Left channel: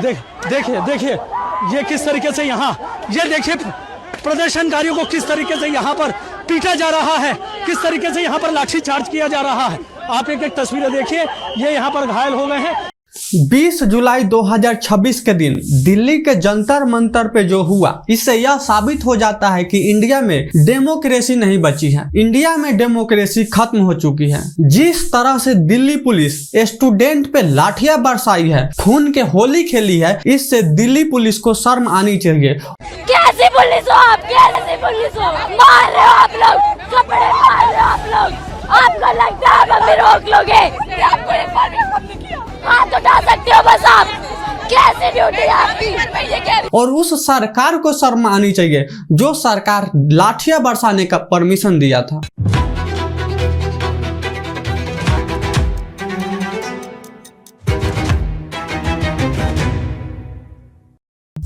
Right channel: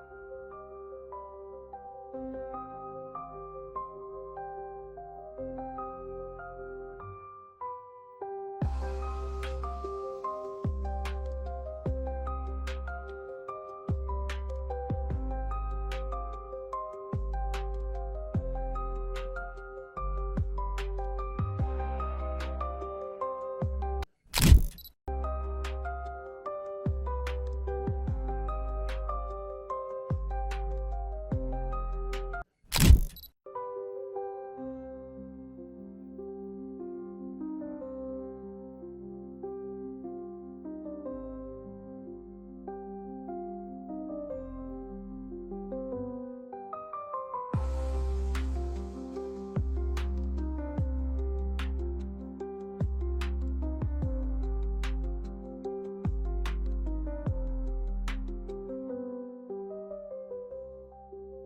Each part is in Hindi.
देखिए ये किस तरीके से ये देखिए प्रदर्शनकारियों को किस तरीके से यहाँ पर पीटा जा रहा है, किस तरीके से यहाँ पर लाठी चार्ज किया जा रहा है। आप एक तस्वीरें देखिए, ये यहाँ पर घायल हो गए हैं। 20 जुलाई 2026 के दिन दिल्ली के जंतर मंतर पे जो हुआ, इससे यह साबित हो जाता है कि इंडिया में डेमोक्रेसी नहीं बची है, इंडिया में डेमोक्रेसी खत्म हो चुकी है। जिस तरह से दिल्ली पुलिस स्टूडेंट पे लाठियां बरसाई है, खून के होली खेली है, इससे दिल्ली पुलिस को शर्म आनी चाहिए। कैसी पुलिस हो आप, कैसी पुलिस हो, मार रहे हो आप लोग, कपड़े मार रहे हो आप लोग, आपको लगता है आप हमें रोक लोगे? हाथ उठा सकते हो बस आप, कैसे ड्यूटी है आपकी? और उस सरकार को शर्म आनी चाहिए जो सरकार लाठियां बरसाने का परमिशन दिया था।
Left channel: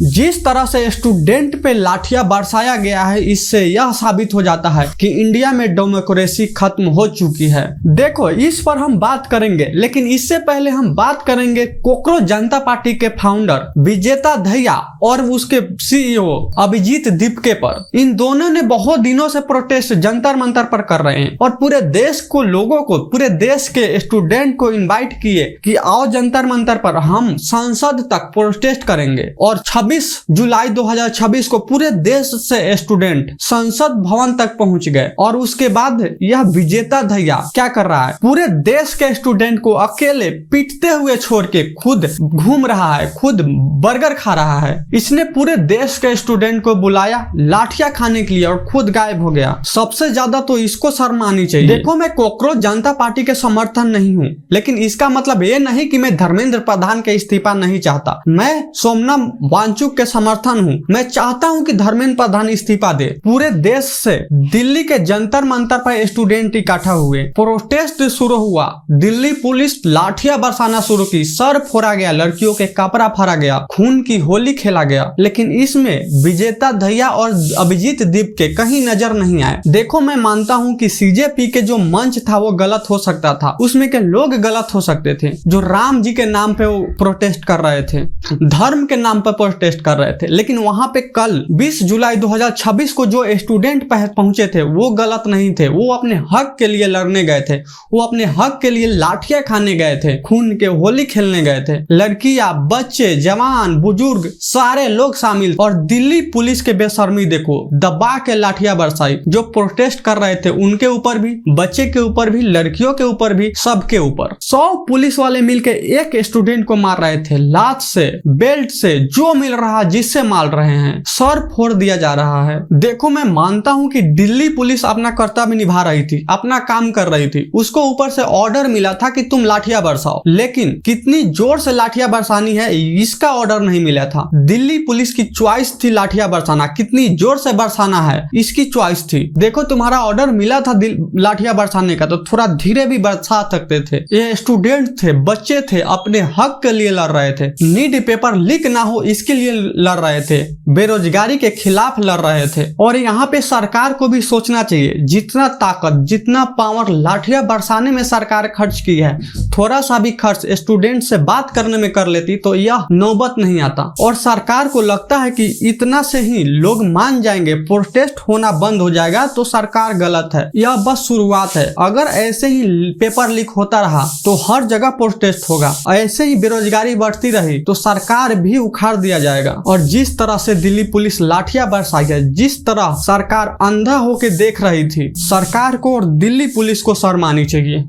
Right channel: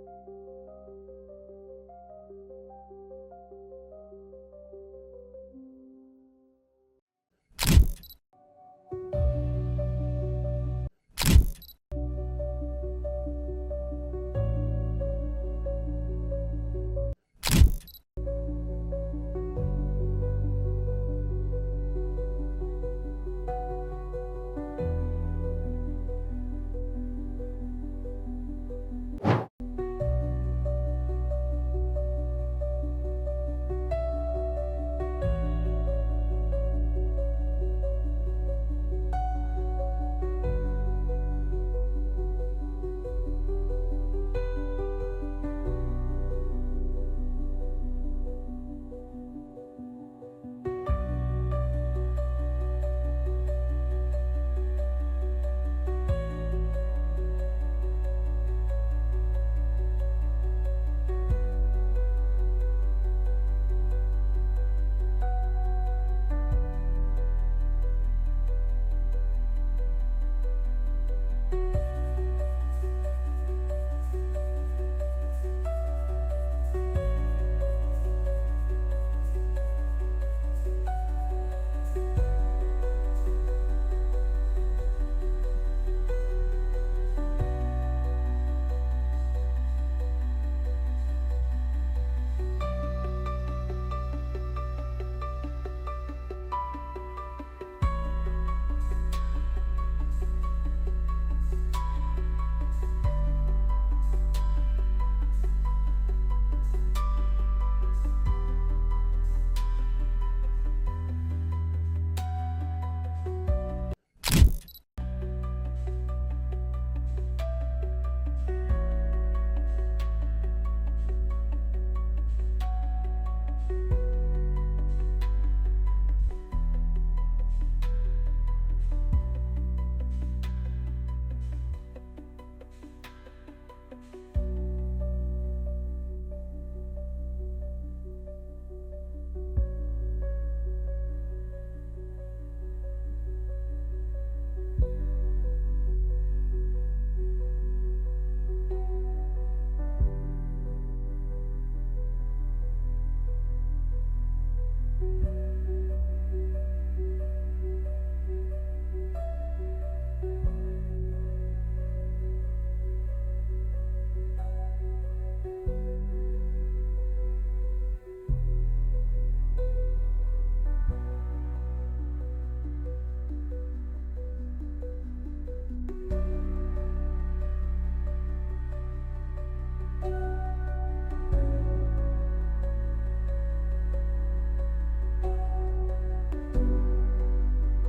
जिस तरह से स्टूडेंट पे लाठियां बरसाया गया है, इससे यह साबित हो जाता है कि इंडिया में डेमोक्रेसी खत्म हो चुकी है। देखो, इस पर हम बात करेंगे, लेकिन इससे पहले हम बात करेंगे कोकरोच जनता पार्टी के फाउंडर विजेता दहिया और उसके CEO अभिजीत दीपके पर। इन दोनों ने बहुत दिनों से प्रोटेस्ट जंतर मंतर पर कर रहे हैं और पूरे देश को, लोगों को, पूरे देश के स्टूडेंट को इन्वाइट किए कि आओ जंतर मंतर पर हम संसद तक प्रोटेस्ट करेंगे। और 26 जुलाई 2026 को पूरे देश से स्टूडेंट संसद भवन तक पहुंच गए। और उसके बाद यह विजेता दहिया क्या कर रहा है, पूरे देश के स्टूडेंट को अकेले पीटते हुए छोड़ के खुद घूम रहा है, खुद बर्गर खा रहा है। इसने पूरे देश के स्टूडेंट को बुलाया लाठियां खाने के लिए और खुद गायब हो गया। सबसे ज्यादा तो इसको शर्म आनी चाहिए। देखो, मैं कोकरोच जनता पार्टी के समर्थन नहीं हूँ, लेकिन इसका मतलब ये नहीं कि मैं धर्मेंद्र प्रधान के इस्तीफा नहीं चाहता। मैं सोमनाथ वांगचुक के समर्थन हूँ। मैं चाहता हूँ कि धर्मेंद्र प्रधान इस्तीफा दे। पूरे देश से दिल्ली के जंतर मंतर पर स्टूडेंट इकट्ठा हुए, प्रोटेस्ट शुरू हुआ, दिल्ली पुलिस लाठियां बरसाना शुरू की, सर फोड़ा गया, लड़कियों के कपड़ा फाड़ा गया, खून की होली खेला गया। लेकिन इसमें विजेता दहिया और अभिजीत दीपके कहीं नजर नहीं आए। देखो, मैं मानता हूँ कि CJP के जो मंच था वो गलत हो सकता था, उसमें के लोग गलत हो सकते थे जो राम जी के नाम पे वो प्रोटेस्ट कर रहे थे, धर्म के नाम पर प्रोटेस्ट कर रहे थे। लेकिन वहां पे कल 20 जुलाई 2026 को जो स्टूडेंट पहुंचे थे वो गलत नहीं थे। वो अपने हक के लिए लड़ने गए थे, वो अपने हक के लिए लाठियां खाने गए थे, खून के होली खेलने गए थे। लड़कियां, बच्चे, जवान, बुजुर्ग, सारे लोग शामिल। और दिल्ली पुलिस के बेशर्मी देखो, दबा के लाठियां बरसाई। जो प्रोटेस्ट कर रहे थे उनके ऊपर भी, बच्चे के ऊपर भी, लड़कियों के ऊपर भी, सबके ऊपर। 100 पुलिस वाले मिलकर एक स्टूडेंट को मार रहे थे, लात से, बेल्ट से, जो मिल रहा जिससे मार रहे हैं, सर फोड़ दिया जा रहा है। देखो, मैं मानता हूं कि दिल्ली पुलिस अपना कर्तव्य निभा रही थी, अपना काम कर रही थी। उसको ऊपर से ऑर्डर मिला था कि तुम लाठियां बरसाओ, लेकिन कितनी जोर से लाठियां बरसानी है इसका ऑर्डर नहीं मिला था। दिल्ली पुलिस की चॉइस थी लाठियां बरसाना, कितनी जोर से बरसाना है इसकी चॉइस थी। देखो, तुम्हारा ऑर्डर मिला था लाठियां बरसाने का, तो थोड़ा धीरे भी बरसा सकते थे। ये स्टूडेंट थे, बच्चे थे, अपने हक के लिए लड़ रहे थे। नीट पेपर लीक ना हो इसके लिए लड़ रहे थे, बेरोजगारी के खिलाफ लड़ रहे थे। और यहाँ पे सरकार को भी सोचना चाहिए, जितना ताकत, जितना पावर लाठियां बरसाने में सरकार खर्च की है, थोड़ा सा भी खर्च स्टूडेंट से बात करने में कर लेती तो यह नौबत नहीं आता। और सरकार को लगता है कि इतना से ही लोग मान जाएंगे, प्रोटेस्ट होना बंद हो जाएगा, तो सरकार गलत है। यह बस शुरुआत है। अगर ऐसे ही पेपर लीक होता रहा तो हर जगह प्रोटेस्ट होगा, ऐसे ही बेरोजगारी बढ़ती रही तो सरकार भी उखाड़ दिया जाएगा। और जिस तरह से दिल्ली पुलिस लाठियां बरसाई है, जिस तरह सरकार अंधा होकर देख रही थी, सरकार को और दिल्ली पुलिस को शर्म आनी चाहिए।